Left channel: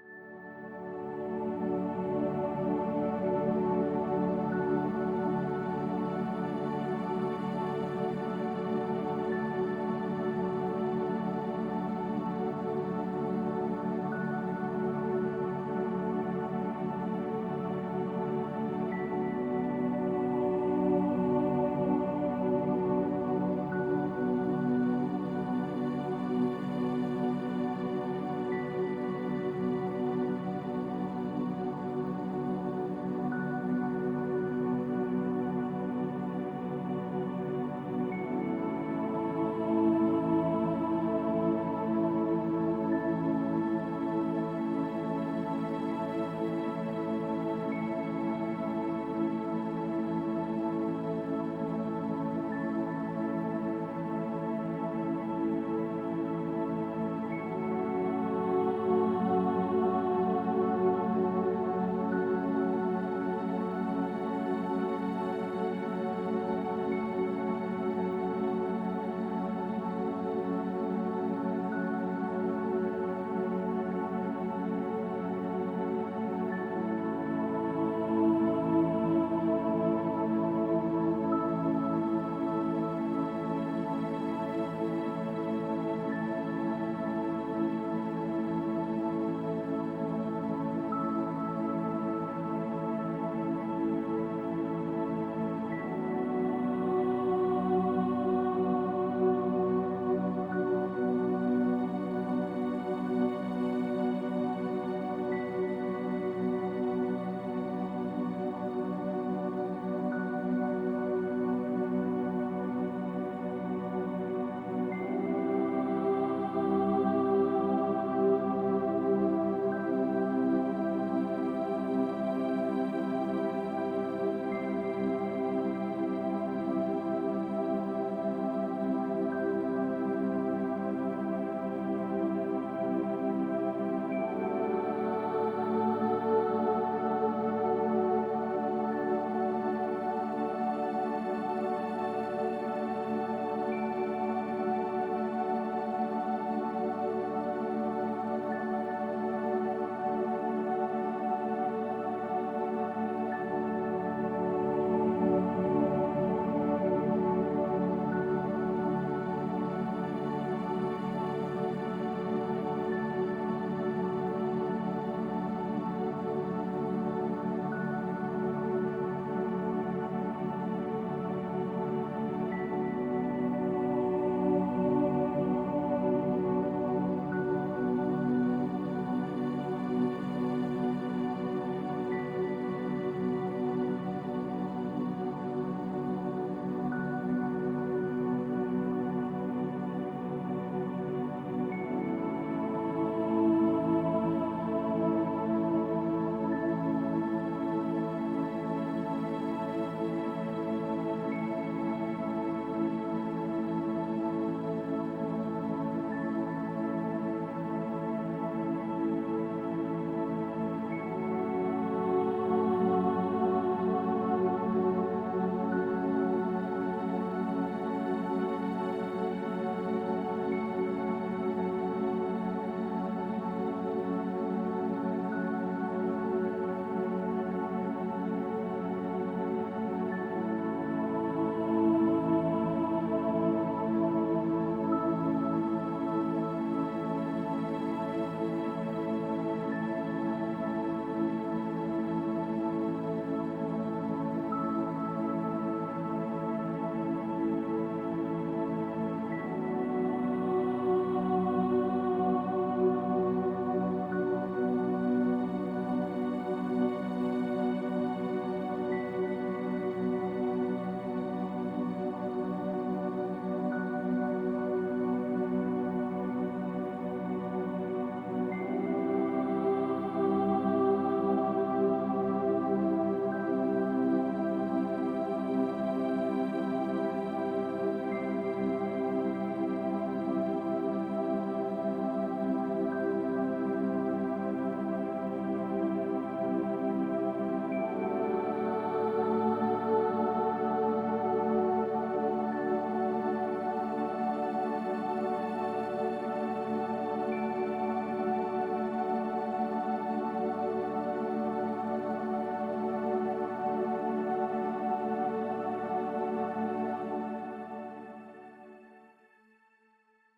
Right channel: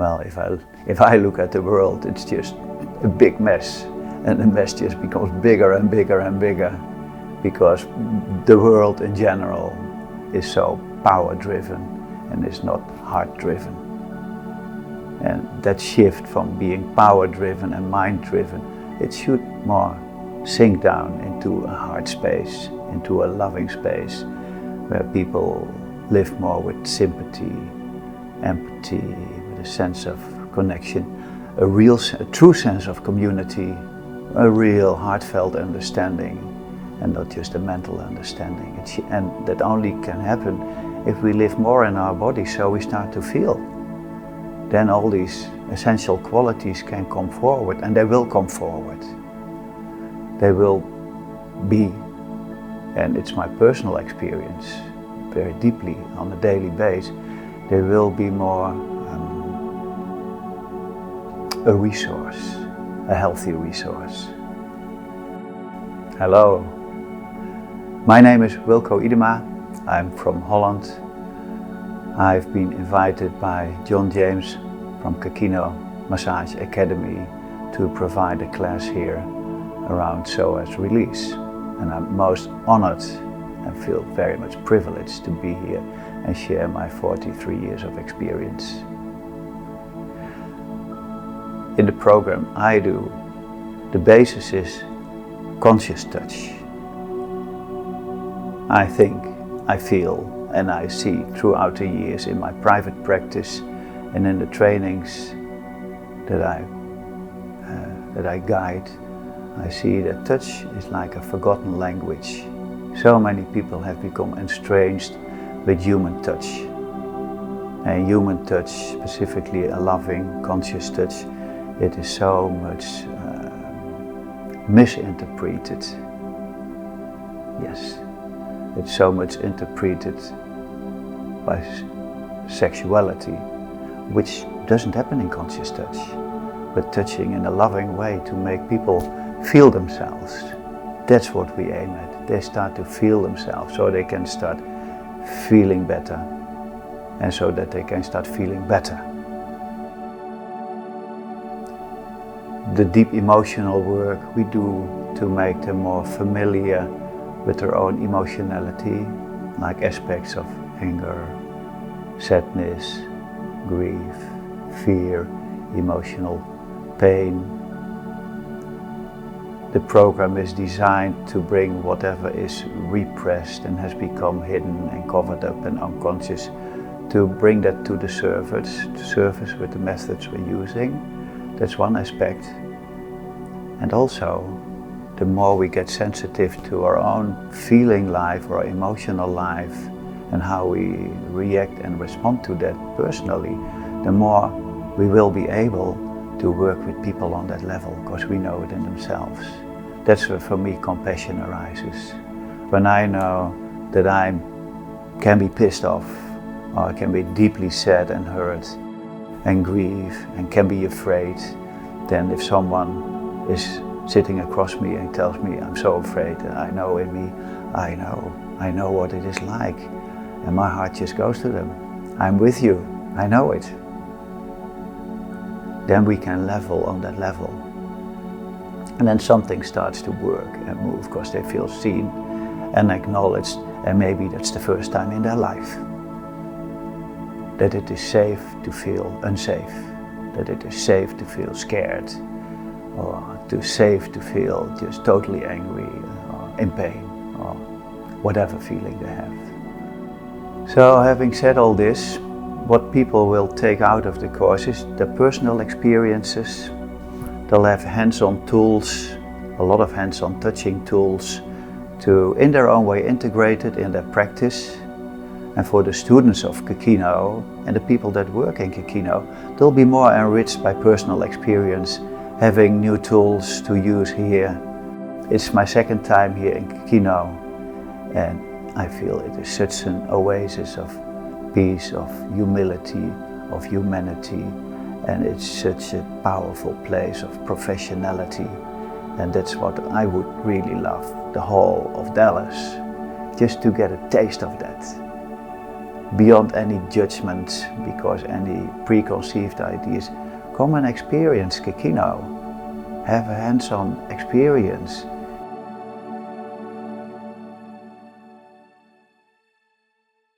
Well, if I look at the world, it's just a big mess, and the mess just becomes bigger and bigger and bigger, because the world in general is so power-driven and is not heart-driven. And that shift from being power-driven and mind-driven, it should more sink down into a heart space, into a loving space, where people live more with sympathy, empathy, with a sense of connection, a true sense of community, a real heartfelt understanding, and not just a mental understanding. And that only can happen if we live more in our body, so we start to feel. Then all these essential qualities can come forward, and they will come forward. They will be, and it's my personal experience, very deeply on a daily basis, they will be more a resource, a healthy resource. Hello, my name is Wilko Iedema. I'm from Holland. I've been invited by John James from Ke Kino Massage Academy to provide a class here around psoas release. And I'm most honored and feel very much privileged to be here and share my 43 years of experience. In the program I do, the basis is conscious touch. I think, I feel, and I see throughout the years in my private practice and in the trainings that I guide, I see that touch is like a forgotten language. So many people have become estranged with human touch. And human touch, specifically a loving, conscious touch, it is so much misinterpreted. Yes, it's so much interpreted by sexuality, which doesn't happen in conscious touch, but touching in a loving way to make people feel themselves. That's what we aim at. They start to feel themselves, so they can start feeling better, and so that they can start feeling better. The deep emotional work we do to make them more familiar with their own emotionality, like aspects of anger, sadness, grief, fear, emotional pain. The program is designed to bring whatever is repressed and has become hidden and covered up and unconscious, to bring that to the surface with the methods we're using. That's one aspect. And also, the more we get sensitive to our own feeling life or emotional life and how we react and respond to that personally, the more we will be able to work with people on that level, because we know it in themselves. That's where, for me, compassion arises. When I know that I can be pissed off, or I can be deeply sad and hurt and grieve and can be afraid, then if someone is sitting across me and tells me, I'm so afraid, and I know in me, I know what it is like, and my heart just goes to them. I'm with you, I know it. Then we can level on that level. And then something starts to work and move, because they feel seen and acknowledged, and maybe that's the first time in their life that it is safe to feel unsafe, that it is safe to feel scared, or too safe to feel just totally angry or in pain, or whatever feeling they have. So, having said all this, what people will take out of the course is their personal experiences. They'll have hands-on tools, a lot of hands-on touching tools, to in their own way integrate it in their practice. And for the students of Ke Kino and the people that work in Ke Kino, they'll be more enriched by personal experience, having new tools to use here. It's my second time here in Ke Kino, and I feel it is such an oasis of peace, of humility, of humanity, and it's such a powerful place of professionality. And that's what I would really love, the whole of Dallas, just to get a taste of that. beyond any judgment, because any preconceived ideas. Come and experience Ke Kino. Have a hands-on experience